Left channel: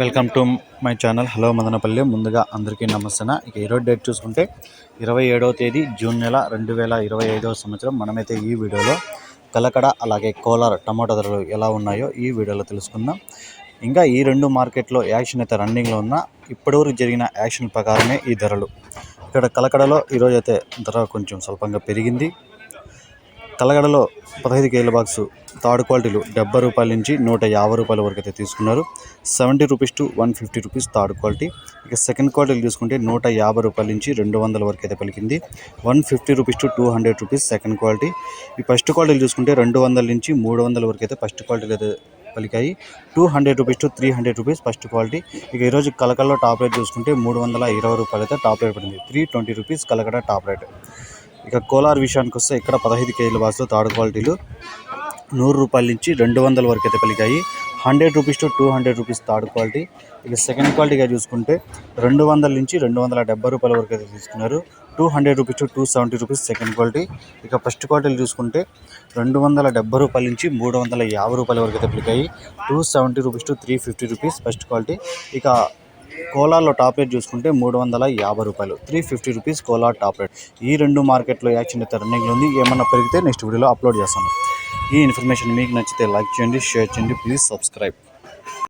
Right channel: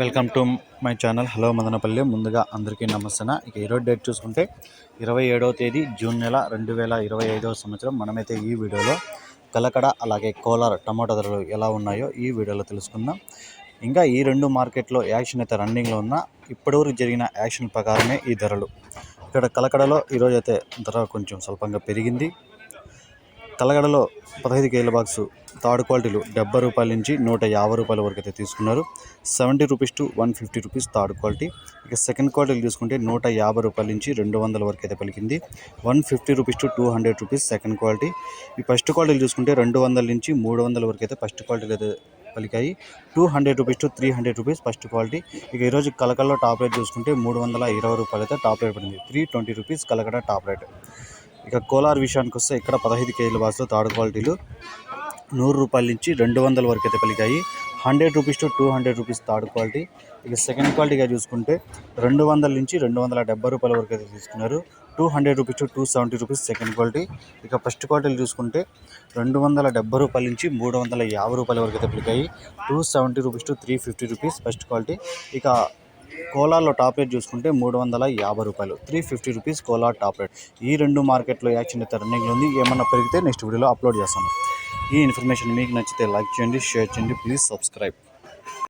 Welcome to my channel. Hello Madanapalli. ముందుగా అందరికీ నమస్తే ఇక ఈరోజు డేట్ చూసుకుంటే ఇరవై ఏడవ తేదీ జూన్ నెల రెండు వేల ఇరవై ఐదవ సంవత్సరం. మనమైతే ఈ వీడియోలో కలకడ అలాగే కోలార్ టమాటో ధరలు ఎలా ఉన్నాయో ఈ వీడియోలో తెలుసుకుందాం. ఇంకా ఈ రెండు మార్కెట్లో యాక్షన్ అయితే రన్నింగ్లో ఉన్న ఇప్పటివరకు జరిగిన యాక్షన్ ప్రకారమే ఈ ధరలు. ఇక్కడ కలకడలో ఈరోజు అయితే ధర కొంచెం స్వల్పంగా పెరిగింది. కలగడలో పదహైదు కేజీల బాక్స్ థర్డ్ క్వాలిటీలు డెబ్బై రూపాయల నుంచి నూట యాభై రూపాయల వరకు అయితే తీసుకున్నారు. Seventy rupees to one fifty rupees third quality. ఇక సెకండ్ క్వాలిటీలు తీసుకుంటే నూట యాభై రూపాయల నుంచి రెండు వందల వరకు అయితే పలికింది. One fifty rupees to two hundred rupees second quality. ఈ ఫస్ట్ క్వాలిటీలు చూసుకుంటే రెండు వందల నుంచి మూడు వందల వరకు అయితే ఫస్ట్ క్వాలిటీలు అయితే పలికాయి. Two hundred rupees to three hundred rupees first quality. ఇక ఈరోజు కలకల్లో టాప్ రేట్ చూసుకుంటే మూడు వందల ఇరవై రూపాయలు అయితే టాప్ రేట్ పడింది. Three twenty rupees Kalakada top rate. ఇక కోలార్ విషయానికి వస్తే ఇక్కడ పదహైదు కేజీల బాక్స్లో థర్డ్ క్వాలిటీలు నూరు రూపాయల నుంచి రెండు వందల వరకు అయితే పలికాయి hundred rupees to two hundred rupees third quality. ఇక సెకండ్ క్వాలిటీగా చూసుకుంటే రెండు వందల నుంచి రెండు వందల డెబ్బై రూపాయల వరకు అయితే తీసుకున్నారు. Two hundred rupees to two seventy rupees second quality. ఇక ఫస్ట్ క్వాలిటీలు చూసుకుంటే రెండు వందల డెబ్బై రూపాయల నుంచి మూడు వందల యాభై రూపాయల వరకు అయితే పలికాయి two seventy rupees to three fifty rupees first quality. ఇక కోలార్లో టాప్ రేట్ చూసుకుంటే మూడు వందల యాభై రూపాయలు. Three fifty rupees Kolar top rate. ఈ రెండు మార్కెట్లో యాక్షన్ అయితే రన్నింగ్లో ఉంది. ఏమన్నా పెరిగితే నెక్స్ట్ వీడియోలో అప్లోడ్ చేస్తాను. ఈ ఇన్ఫర్మేషన్ మీకు నచ్చితే లైక్ చేయండి షేర్ చేయండి. Please subscribe